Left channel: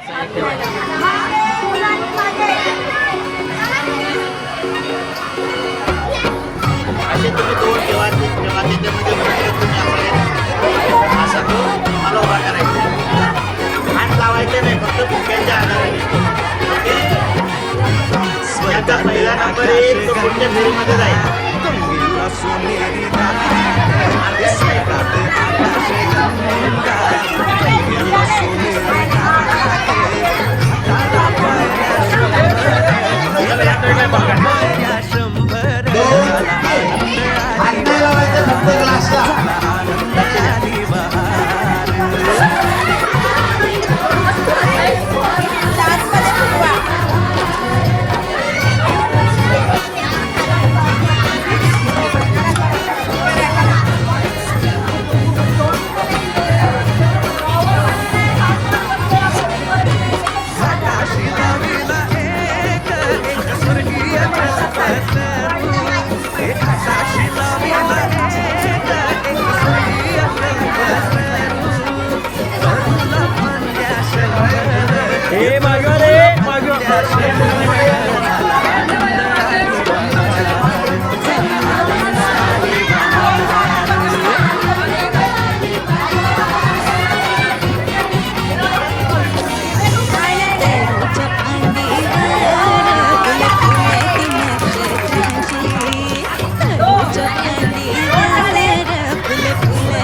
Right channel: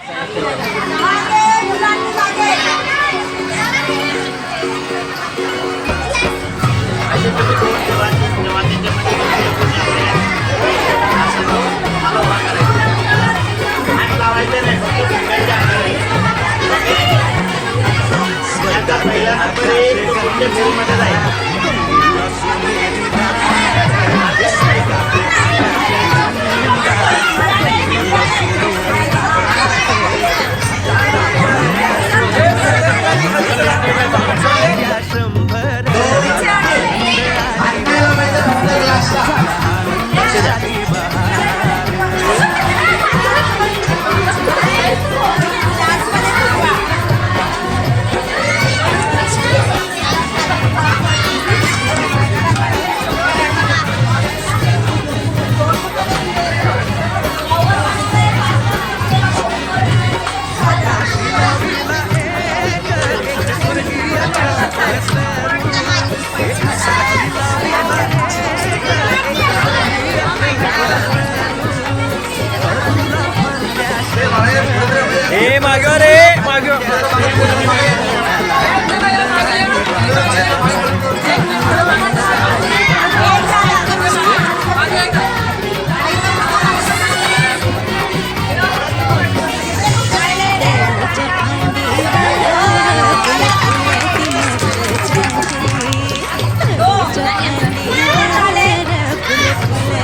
असे तुम्ही दोन जेव्हा त्याच्यामध्ये असं हलवा करायचं, हात लावायचे नाही, फक्त झुकायच्या आधारे. स्वर्गात आकाश गंगा गंगेला सोनेरी घाट, स्वर्गात आकाश गंगा गंगेला सोनेरी घाट, घाटाला पायऱ्या शंभर, झाला आनंद आली बहार, झाला आनंद आली बहार. स्वर्गीय कल्पतरू एक साक्षी लाविला, एक स्वर्गीय कल्पतरू तरुला फांद्या शंभर, हे मागं रे मागं. झाला आनंद आली बहार, झाला आनंद आली बहार.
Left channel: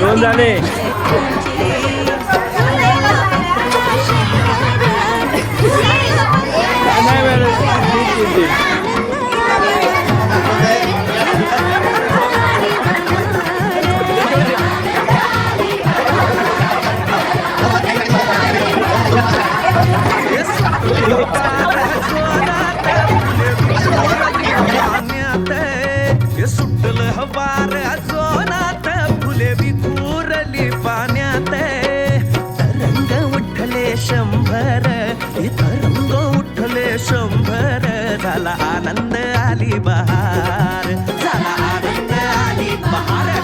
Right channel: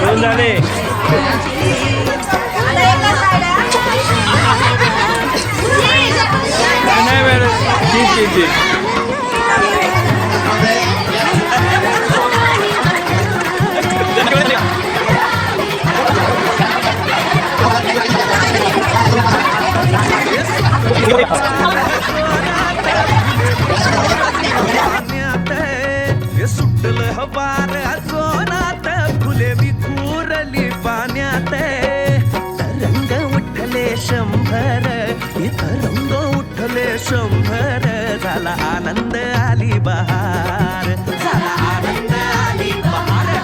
दोन झाले. नाही मॅडम, ठीक. सुटलं हवार जोनात, फुले विखुरली पाण्यात, तरंग उठले शंभर, तरंग उठले शंभर, झाला आनंद आली बहार, झाला आनंद आली बहार.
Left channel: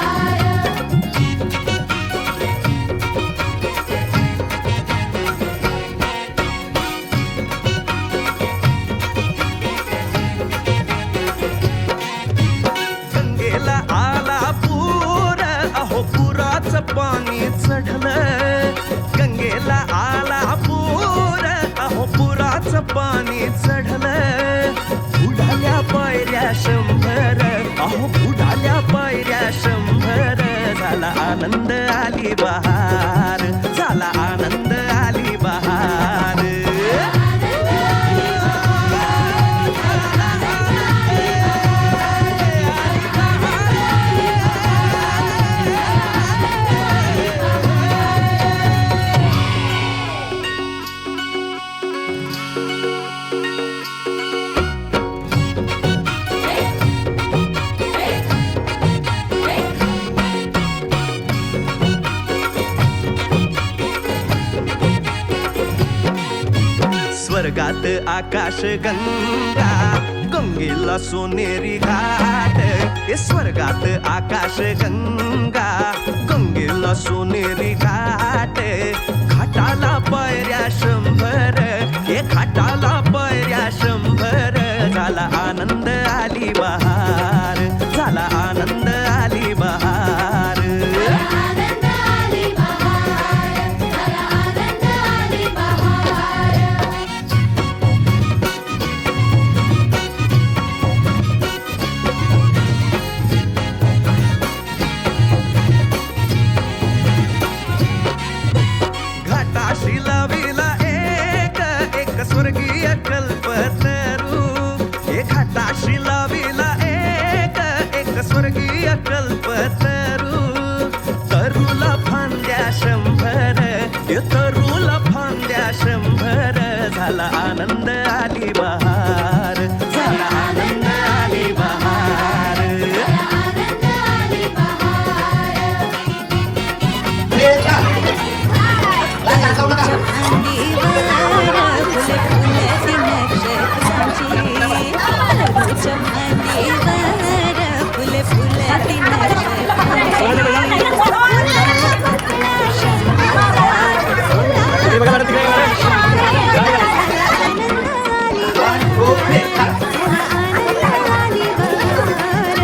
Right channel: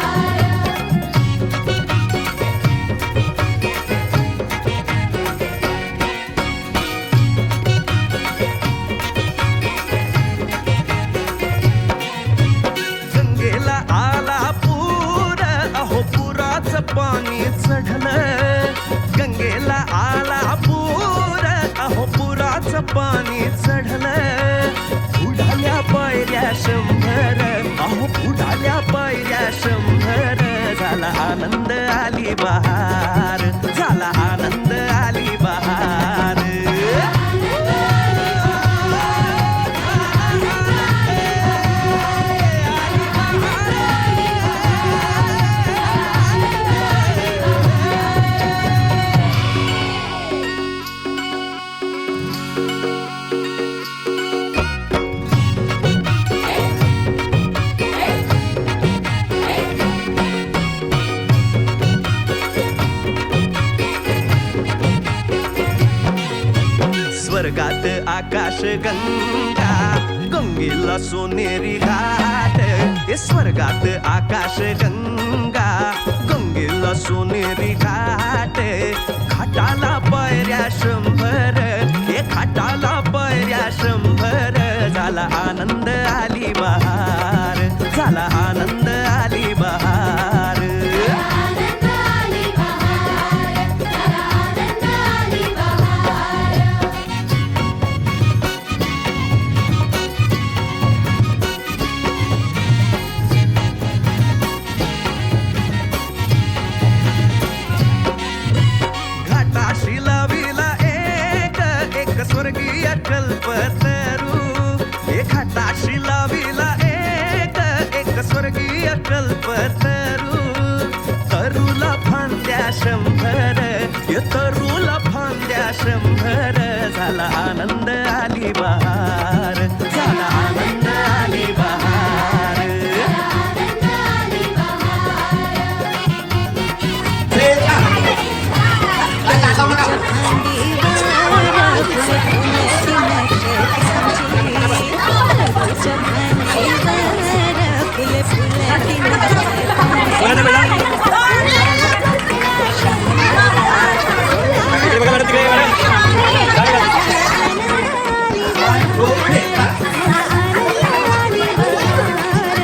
गंगेला आला पूर, अहो पुराचं पाणी चढलं, गंगेला आला पूर, अहो पुराचं पाणी चढलं, बुडाल्या पायऱ्या शंभर, अहो बुडाल्या पायऱ्या शंभर, झाला आनंद आली बहार, झाला आनंद आली बहार. स्वर्गात आकाश गंगा गंगेला सोनेरी घाट, स्वर्गात आकाश गंगा गंगेला सोनेरी घाट, घाटाला पायऱ्या शंभर, घाटाला पायऱ्या शंभर, झाला आनंद आली बहार, झाला आनंद आली बहार. घाटाशी लाविला एक स्वर्गीय कल्पतरू, घाटाशी लाविला एक स्वर्गीय कल्पतरू, तरुला फांद्या शंभर, तरुला फांद्या शंभर, झाला आनंद आली बहार, झाला आनंद आली बहार. दारूच्या भांडीवर फुले फुलती नक्षत्रांची, दारूच्या भांडीवर फुले फुलती नक्षत्रांची, झाला आनंद आली बहार, झाला आनंद आली बहार.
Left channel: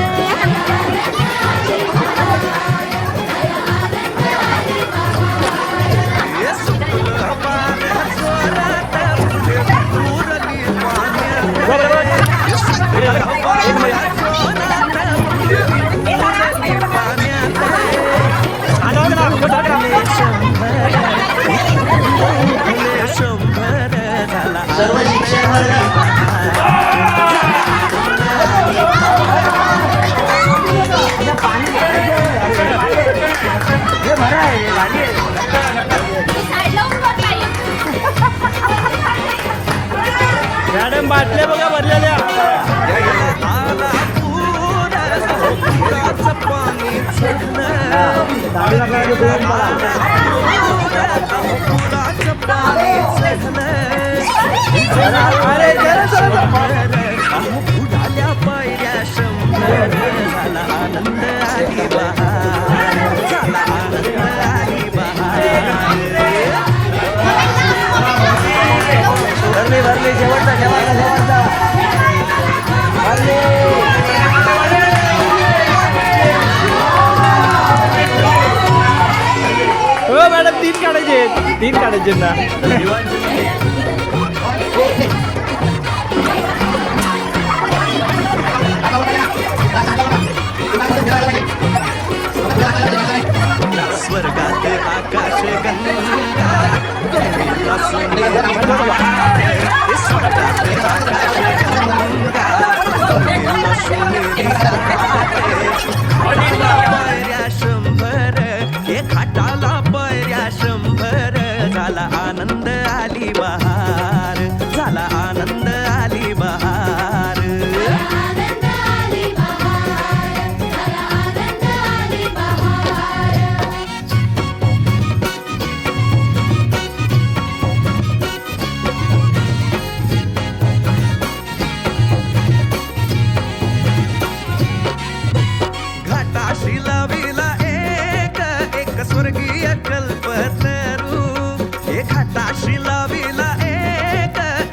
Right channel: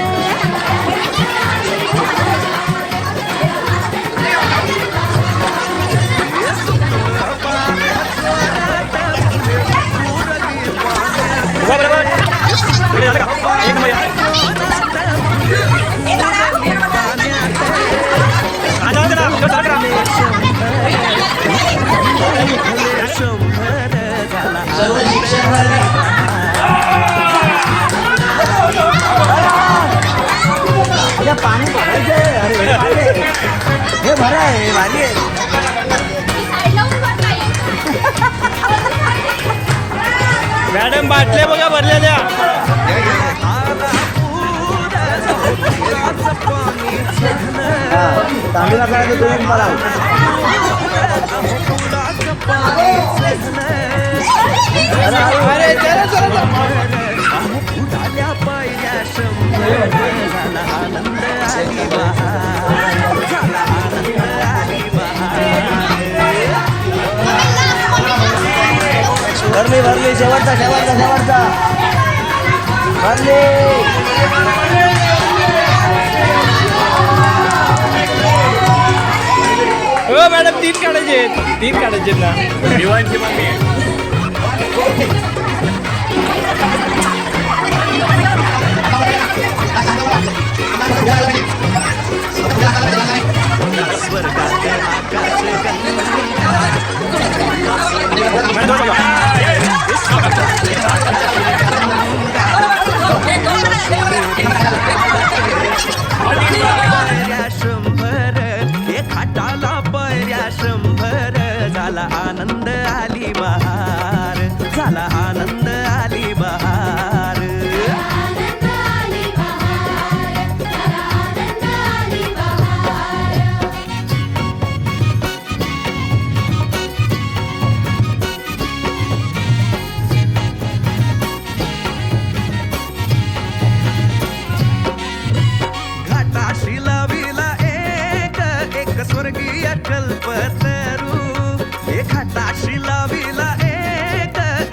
हे सुटलं वार जोरात फुले विखुरली पाण्यात. हे सुटलं वार जोरात फुले विखुरली पाण्यात. फुले शंभर झाला आनंद आली बहार, झाला आनंद आली मॅडम बाटल्या बघा भरलेल्या. आला पूर, अहो पुराचं पाणी चढलं. आला पूर, अहो पुराचं पाणी चढलं. अहो बुडाल्या पायऱ्या शंभर, झाला आनंद आली बहार, झाला आनंद आली बहार. भरली शेवटचा शेवटचा हो मॅडम 3 काढायचे, 3 काढायचे ना. स्वर्गात आकाश गंगा, गंगेला सोनेरी घाट. स्वर्गात आकाश गंगा, गंगेला सोनेरी घाट. घाटाला पायऱ्या शंभर, हे घाटाला पायऱ्या शंभर, झाला आनंद आली बहार, झाला आनंद आली बहार. घाटाशी लाविला एक स्वर्गीय कल्पतरू. हे घाटाशी लाविला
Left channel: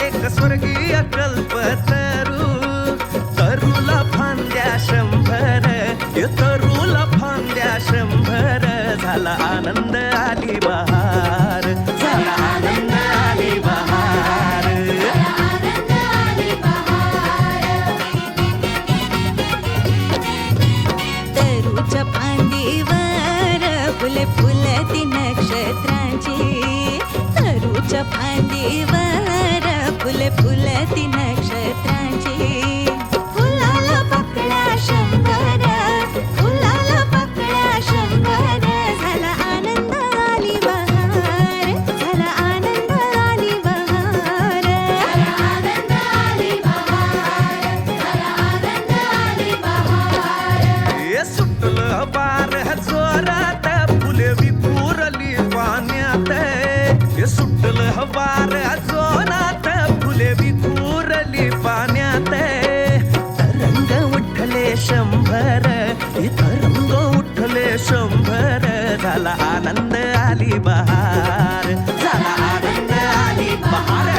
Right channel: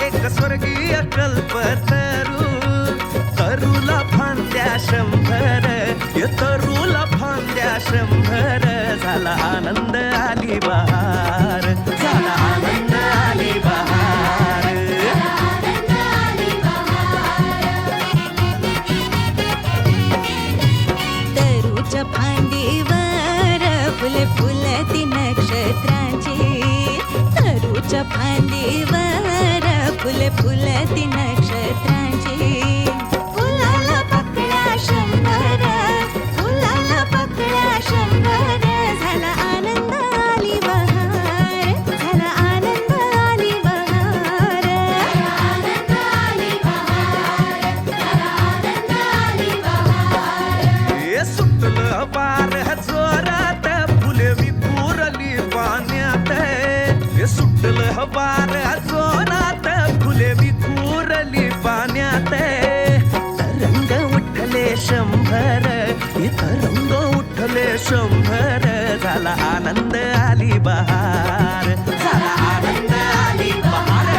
एक स्वर्गीय कल्पतरू. तरुला फांद्या शंभर, हे तरुला फांद्या शंभर, झाला आनंद आली बहार, झाला आनंद आली बहार. तरूच्या फांदीवर फुले फुलती नक्षत्रांची, तरूच्या फांदीवर फुले फुलती नक्षत्रांची. फुलाला पकड्या शंभर, फुलाला पकड्या शंभर, झाला आनंद आली बहार, झाला आनंद आली बहार. हे सुटलं वार जोरात फुले विखुरली पाण्यात. हे सुटलं वार जोरात फुले विखुरली पाण्यात. तरंग उठले शंभर, हे तरंग उठले शंभर, झाला आनंद आली बहार, झाला आनंद आली बहार.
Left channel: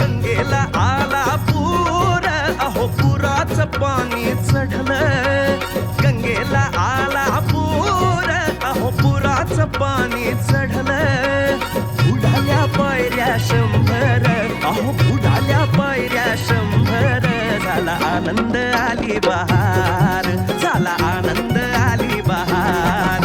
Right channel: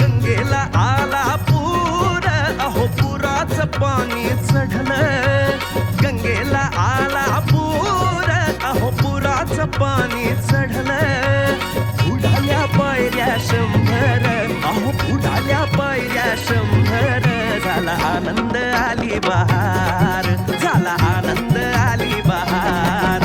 गंगेला आला पूर, अहो पुराचं पाणी चढलं. गंगेला आला पूर, अहो पुराचं पाणी चढलं. बुडाल्या पायऱ्या शंभर, अहो बुडाल्या पायऱ्या शंभर, झाला आनंद आली बहार, झाला आनंद आली बहार.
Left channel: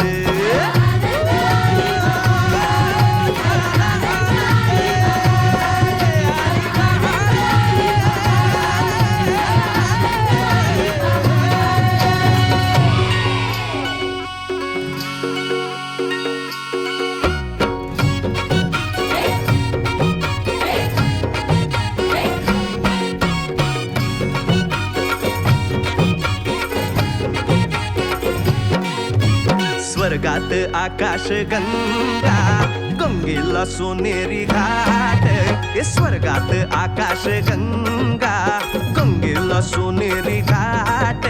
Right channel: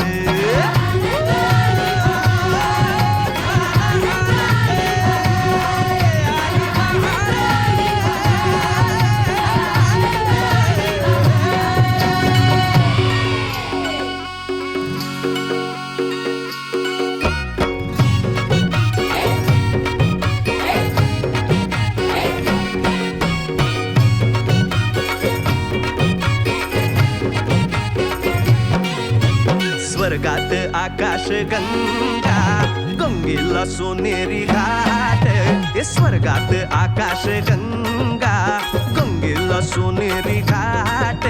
स्वर्गात आकाश गंगा, गंगा गंगेला सोनेरी घाट हे स्वर्गात आकाश गंगा गंगेला सोनेरी घाट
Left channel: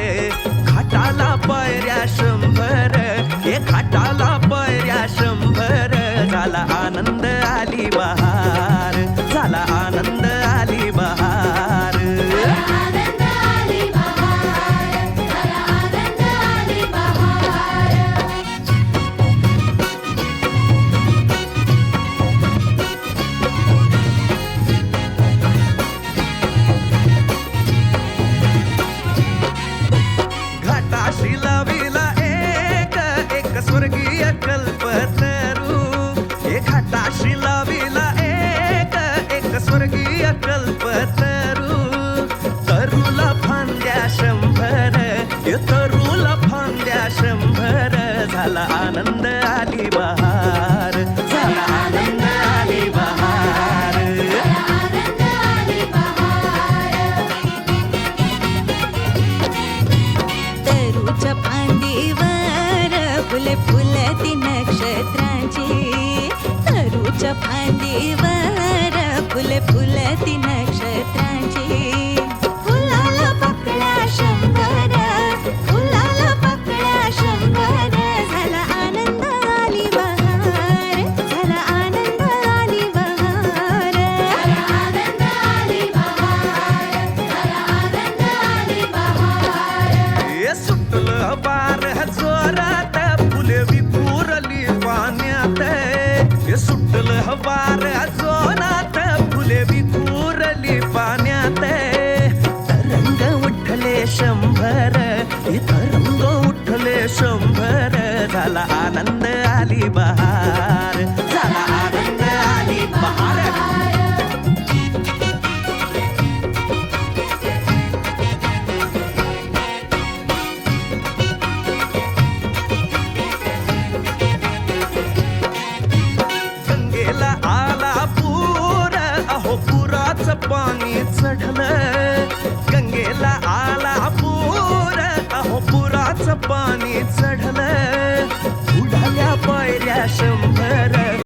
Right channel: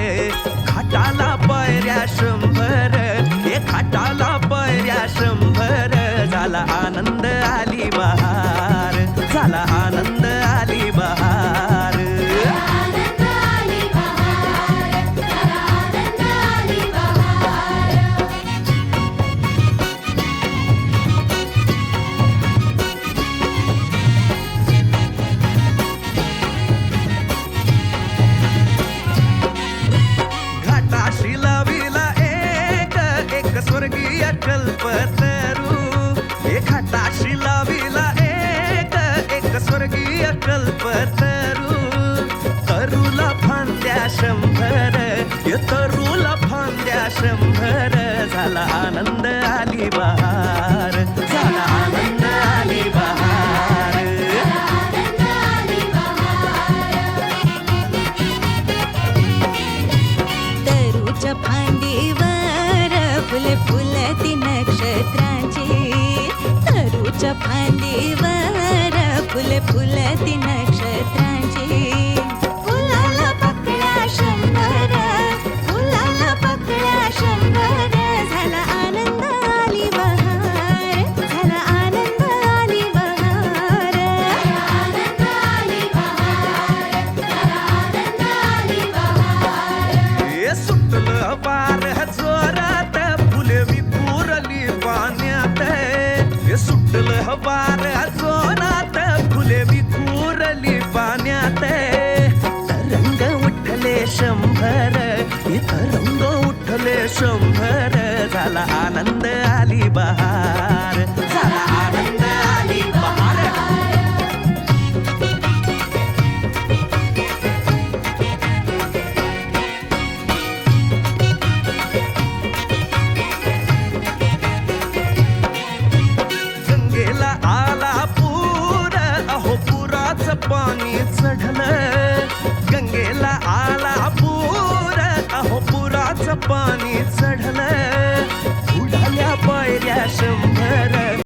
घाटाला पायऱ्या 100 हे घाटाला पायऱ्या 100 झाला आनंद आली बहार झाला आनंद आली बहार घाटाशी लाविला एक स्वर्गीय कल्पतरू हे घाटाशी लाविला एक स्वर्गीय कल्पतरू तरुला फांद्या 100 हे तरुला फांद्या 100 झाला आनंद आली बहार झाला आनंद आली बहार तरूच्या फांदीवर फुले फुलती नक्षत्रांची तरूच्या फांदीवर फुले फुलती नक्षत्रांची फुलाला पकड्या 100 फुलाला पकड्या 100 झाला आनंद आली बहार झाला आनंद आली बहार आनंद आली बहार आनंद आली बहार हे सुटलं वार जोरात फुले विखुरली पाण्यात हे सुटलं वार जोरात फुले विखुरली पाण्यात तरंग उठले 100 हे तरंग उठले 100 झाला आनंद आली बहार झाला आनंद आली बहार गंगेला आला पूर अहो पुराचं पाणी चढलं गंगेला आला पूर अहो पुराचं पाणी चढलं उडाल्या पायऱ्या 100